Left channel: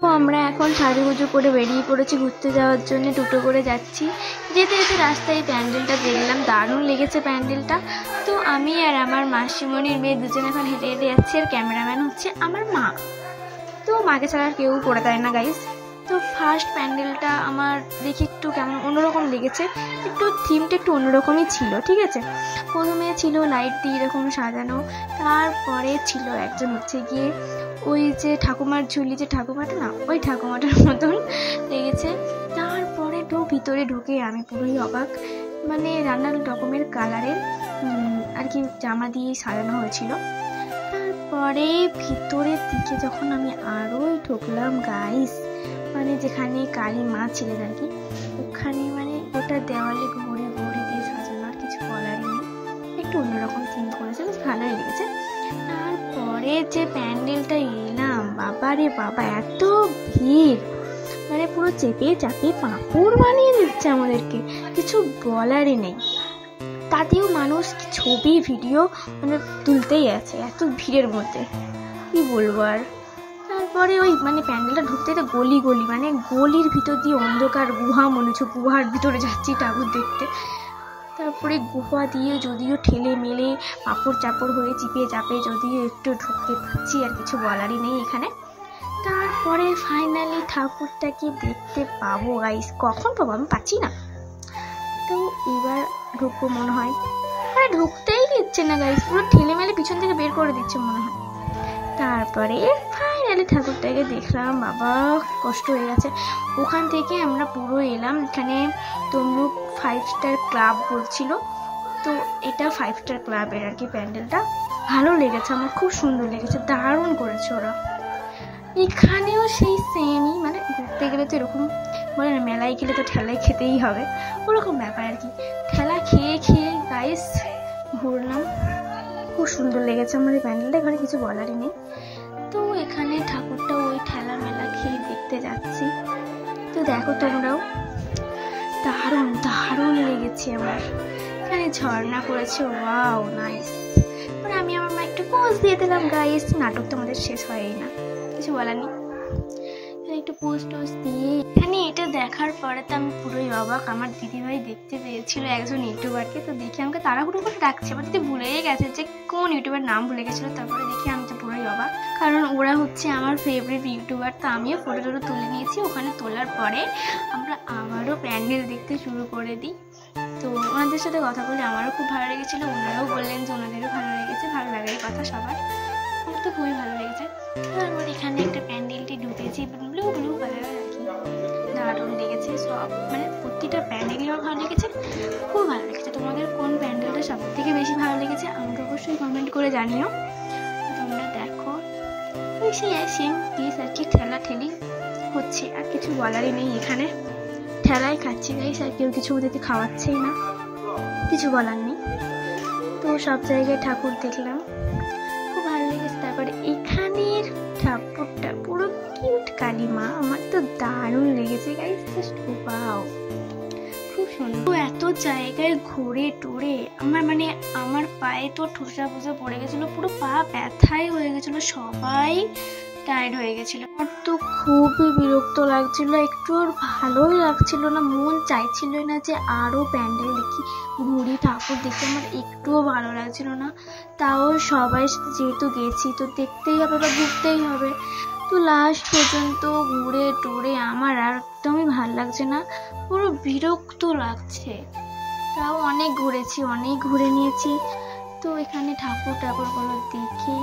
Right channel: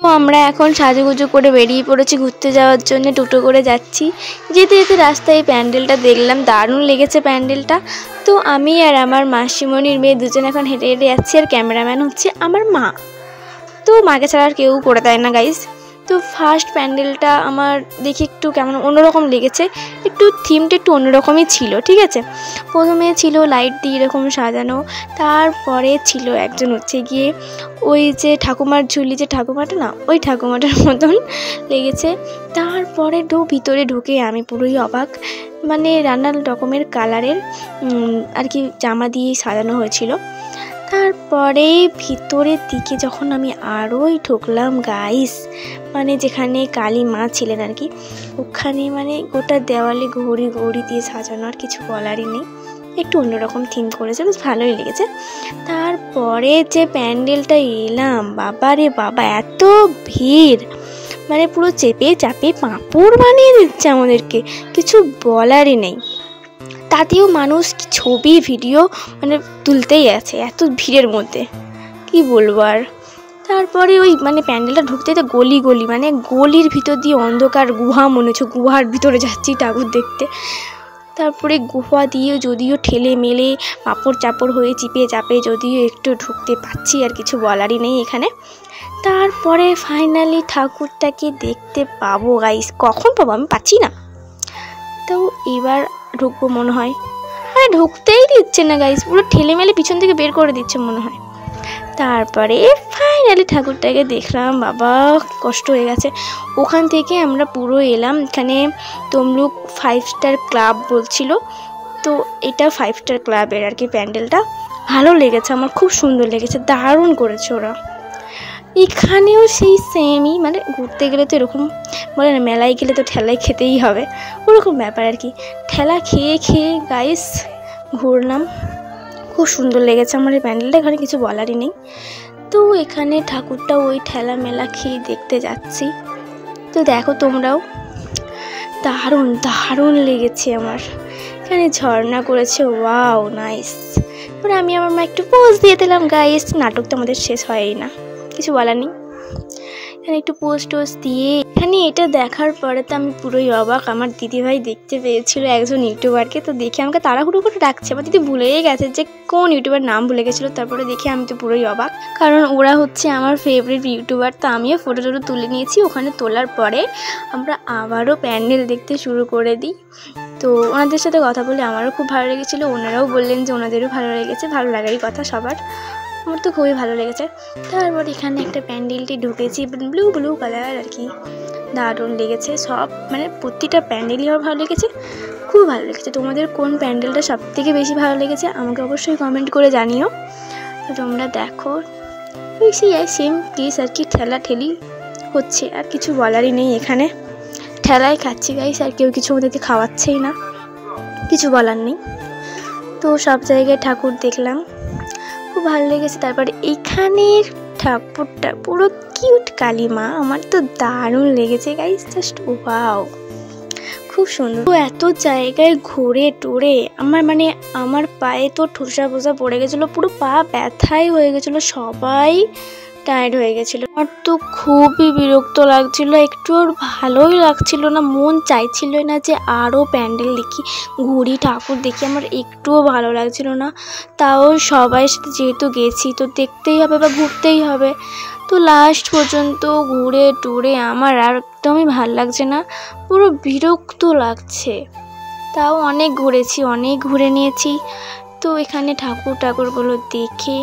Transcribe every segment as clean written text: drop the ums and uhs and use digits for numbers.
তো আমরা এখন সাজুগুজু করে বেরিয়ে পড়েছি ঘুরতে যাওয়ার জন্য, টোটো করে যাচ্ছি। যেতে যেতে রাস্তায় এই প্যান্ডেলটা দেখলাম, দারুণ লেগেছে প্যান্ডেলটা। তো আমি আর আমার মাসিমণির মেয়ে দুজন এখন হেঁটে হেঁটে যাচ্ছি, আর ক্যামেরাম্যান হচ্ছে আমার মা। তো মাকে ছাড়া আর কেউ করে দেয় না গাইজ। তো ফার্স্ট প্যান্ডেলটা আমার দেখি একটু কেমন অন্যরকম লেগেছে, একটু থিমটা একটু অন্যরকমই ছিল, ঠিক আছে। প্রথমে ছিল লাইট দিয়ে এরকম সাজানো, তারপরে ছিল একজন হচ্ছে গিয়ে ওই যে ঠাকুমার ঝুলি, যে ঠাকুমাটা না, ওই ঠাকুমাটার মতন লেগেছে। তারপরে ভিতরে ঢুকে আমি পুরোই অবাক, মানে নানান রকমের কালারের আর কি জামা দিয়ে সাজানো হয়েছিল। তারপরে ভিতরের দিকে যখন আমি আরোই ঢুকলাম গাইস, মানে যেখানে কালী মা ছিলেন আর কি, ওখানে মানে গোটা দেওয়ালে ঘড়ি ঘড়ি দিয়ে সাজানো, আর কিছু বলারই নেই। একটু অন্যরকম থিম করেছে, বেশ ভালোই লেগেছে। তারপরে যে প্যান্ডেলটা এলাম, বাবা রে বাবা, এত ভিড়, মানে পুরো চেপে চাপে পাঁপড় বানিয়ে দিচ্ছে আমাদেরকে, কিছু বলারই নেই। তাতেও মানুষ ছবি ভিডিও মানে তুলতেই আছে এত ভিড়ের মধ্যে, কি বলবো আর। তারপরে ওই মানে প্যান্ডেলটা ঢুকতে তো গলি গলি, মানে গলির ভিতর দিয়ে অন্ধকার গুহা, মনে হচ্ছে গুহার ভিতরে যাচ্ছি ঠাকুর দেখতে। তারপরে গুহা দিয়ে যদিও ঠেলে মেলে পাপড় চাপড় হয়ে চিপে চাপে যদিও একটু ঢুকতে পাচ্ছি, আর কিছু বলারই নেই এখানে। তারপরে ফাইনালি ঠাকুরটাকে দেখতে পাবো গাইস, কখন পাবো আমি পাচ্ছি না। তো এবার ঢুকবো মনে হয়, মানে ঢুকতেই দিচ্ছে না গাইস, পুরো ঠেলে মেলে পিছন থেকে বের করে দিচ্ছে মনে হয়। তারপরে ফাইনালি ঠাকুরটাকে দেখলাম, বাবা কষ্ট হয়ে গেছে। ওখান থেকে আমরা পুরো এলাম এখানে তমলুক 5 স্টার ক্লাব বলছিল, তো এটা 5 স্টার ক্লাবের আর কি প্যান্ডেলটা। ভালো লেগেছে আমার, খুব সুন্দর লেগেছে, দারুণ করেছে ওরা। এখানেও সেই সেমই, মানে ঘুরতে গেলে তো এরকম বলে না, মেলায় গেলে তো ঠেলাই খেতেই হবে, ওরকম ব্যাপার আর কি। ঠেলা খেয়ে খেয়ে গাইস ঘুরলাম, খুব সুন্দর লেগেছে আমার এই প্যান্ডেলটা, এখানে কিছু বলারই নেই। তো এখানে ঠাকুরটা ওই ঠেলা মেলা খেয়ে দেখতে যাচ্ছি, তো দেখো তোমরাও, দারুণ দারুণ লেগেছে আমার। এখানে ঝর্ণা করেছে, ওয়াও নাইস। পরে আমি আমার মা একটু পোজ দিয়ে দিলাম গাইস, নাটক তো আমাদের শেষ হয়ই না, কিছু বলার নেই। এখানে একটু পোস্ট টোস্ট দিয়ে, এখানে এটা দেখার পরে তো আমি পুরোই অবাক। আমার দিদিভাই দেখতে পেয়েছিল একজন ইউটিউবারকে, তো দেখে আমাকে তাড়াহুড়ো করে ডাকছে, আমার দিদি ভুলেই গেছে যে কোন ইউটিউবার নাম ভুলে গেছিলো। তারপরে দেখে আমি তো পুরোই অবাক, কারণ ওরা হচ্ছে আমার ফেভারিট ইউটিউবার। তো আমিও ফটো টটো তুলে নিয়েছি। ওখানে তোলার পরে আমরা আবারও প্যান্ডেল দেখতে শুরু করে দিই। তো ওনাদের সাথে কথা বলে আমারও খুব ভালো লেগেছিলো, ওনারাও বললেন যে ওনাদেরও ভালো লেগেছে, ভালো লাগারই কথা সবার, আমার তো খুবই ভালো লেগেছে। তারপর এখানে একটা প্যান্ডেলটি ঢুকেছি, ব্লু ব্লু কালার আর কি, দারুণ লেগেছে সব, মানে প্রতিটা প্যান্ডেলই আমার ভালো লেগেছে, খুব ভালো লেগেছে। তোমাদের কোন প্যান্ডেলটা সব থেকে বেশি ভালো লেগেছে আমাকে অবশ্যই কমেন্ট করে জানিও। তোমরা দেখো সেই সেম কেস আর কি, ঠেলা ঠেলি হচ্ছে, আর কিছু বলারই নেই। এখানে ঠেলাই খাচ্ছি গাইস, আর কেউ কিছু ওদেরকে খাওয়াচ্ছেই না, কিছু বলার নেই। তো সব জায়গায় ঠাকুর দেখলাম, খুব ভালো লেগেছে। তারপরে এইখানের ঠাকুরটা পুরো কিউট কালী মা, আমার তো দারুণ লেগেছে গাইস, জাস্ট ওয়াও, খুব সুন্দর। তো এত জায়গায় ঘুরে টুরে আমার পায়ে তো ঠোসা ফোসা পড়ে গেছিলো, পুরো পা ব্যথাই হয়ে গেছিলো, সবাই টায়ার্ড হয়ে গেছিলো। আমার তো খুবই বিরক্ত লাগছিল, একটু আর ভালোই লাগছিল না, মন চাইছিল না যে আরও প্যান্ডেল দেখি, ঘুরি, ঠাকুর দেখি, আমার একটুও ভালো লাগছিল না। তাও সবাই সাথে যেহেতু গেছি তো দেখতেই হবে বা ঘুরতেই হবে। তো লাস্ট পর্যন্ত ঘুরে টুরে আমার আর একদমই ভাল লাগছে না, পুরো বিরক্ত লাগছে। তাও অনেক ঘুরেছি, অনেক ঘুরে নিয়েছি। তো এখানে ঠাকুরগুলো দেখে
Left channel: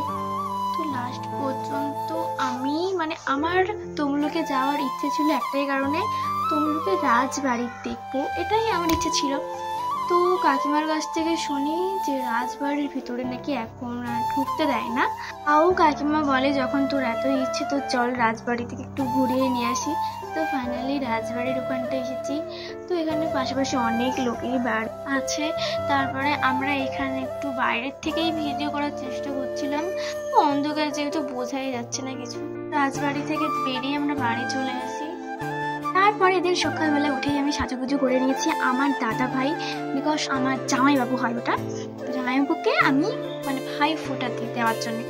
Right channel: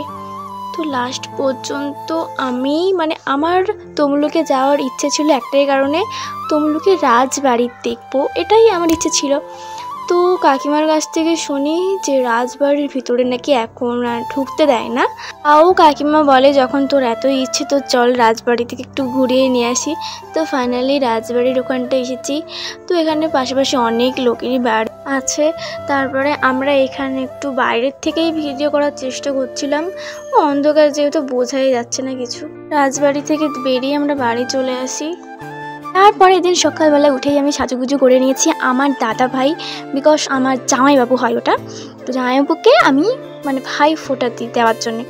তো লাস্ট পর্যন্ত আমি আমার তমলুকে যাওয়ার ইচ্ছে ছিল একটাই কারণে, তমলুকে রাজবাড়ি দেখবো, এটাই আমার ইচ্ছে ছিল। তো কাকিমার কাছ থেকে শুনি যে রাজবাড়ির ভিতরে নাকি এখন আর ঢুকতে দেয় না। তাও কাকিমা বলে যখন তোর এত ইচ্ছে তো চল রাজবাড়ি থেকে একটু ঘুরিয়ে নিয়ে আসি। তো ফাইনালি রাজবাড়ির ওখানটা এসেছি। তো এখানে পাশাপাশি অনেক লোকেরই বাড়ি আছে। তারপরে আমরা এখানে একটু বাইরের থেকেই ভিডিও করার চেষ্টা করছিলাম, অন্ধকার যেহেতু বোঝাই যাচ্ছে না কিছু। রাজবাড়ি থেকে বেরিয়ে আমরা বাড়ি চলে আসি। তারপরে দিন সকালবেলা উঠেই আমি সাজুগুজু করে নিয়েছি আমার দাদা ভাই, বিকজ আমার জামাইবাবু হয় ওটা, তো জামাইবাবুকে আমি ভাই ফোঁটা দেওয়ার জন্যে।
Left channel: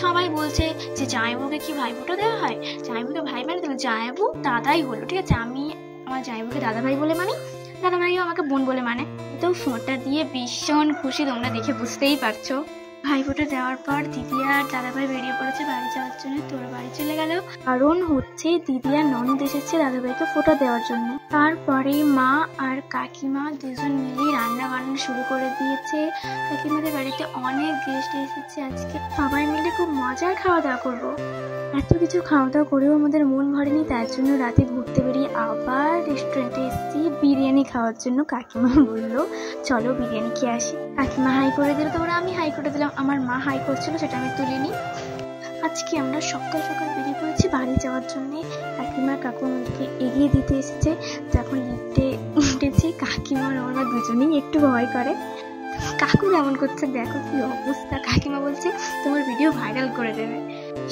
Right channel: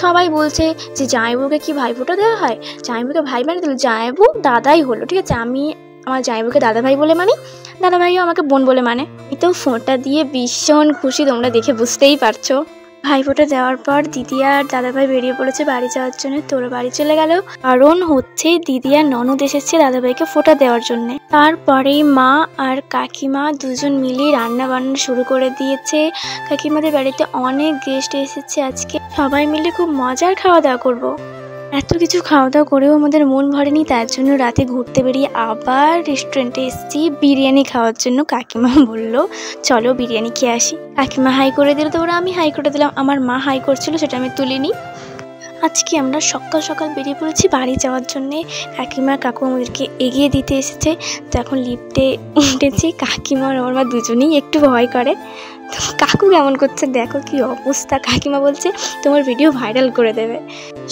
সবাই বলছে যে জামাইবাবুকে কি ভাইফোঁটা দেওয়া হয়, জামাইবাবুকে ভাই মানে দিল, জামাইবাবু দাদাই হলো, ঠিক আছে। আমি আমার জামাইবাবুকে দাদা ভাই বলে মানি, দাদা ভাইও আমাকে বোন বলে মানে। তো ফোঁটা দিয়ে ভীষণ খুশি, তোমরা দেখে বুঝতেই পারছো। ভাইফোঁটা দেওয়ার পর দিদি আর দাদাভাই বেরিয়ে পড়েছে বাড়ি যাওয়ার জন্য। তোরা বাড়ি চলে গেল, কারণ হচ্ছে দিদি আর ননদ এসেছে দাদাভাইকে ফোঁটা দেওয়ার জন্য। তারপরেই মা আর কাকিমা দুজন মিলেই রান্না বান্না শুরু করে দিয়েছে। কাকিমাদের বাড়িতে অনেক গেস্ট এসেছে আজকে, সবাই মিলে খুব মজার খাওয়া দাওয়া করবো। এত কিছু খাওয়া দাওয়া করেও আমাদের মন ভরেনি, তার জন্য রাতে ঘুরতে বেরিয়ে আবার রেস্টুরেন্টে এসেছি বিরিয়ানি খাওয়ার জন্য। কাকিমা বললো চলো বিরিয়ানি খেয়ে আসি। কাকিমা হাই করে দিল, তো ওরা আমি হাই করে দিলাম। আমার মা হাই করছিল, সেটা আমি তুলিনি। আজকে আমরা সকাল সকাল বেরিয়ে পড়েছি বাড়ি যাওয়ার জন্যে। কাকিমা কাকু আমাদেরকে এগিয়ে দিতে এসেছে। তো এখন লিফটে উঠেছি। কাকিমা আর আমার মা দুজনেই একটু ভয় করে। তো কাকু কেমন করছে দেখো কি অবস্থা। কাকিমা বলছে তোমার ভিডিও ভাইরাল করে দেবে।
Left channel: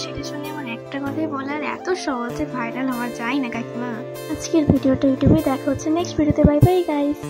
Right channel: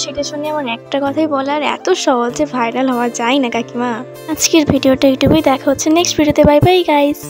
সেটা শুনে আমার একটা কথাই বলার, এত সহজে ভাইরাল হওয়া যায় না কাকিমা। আজকের ভিডিওটা ইউটিউবে দেখা হচ্ছে নেক্সট ভিডিওতে। Bye bye guys.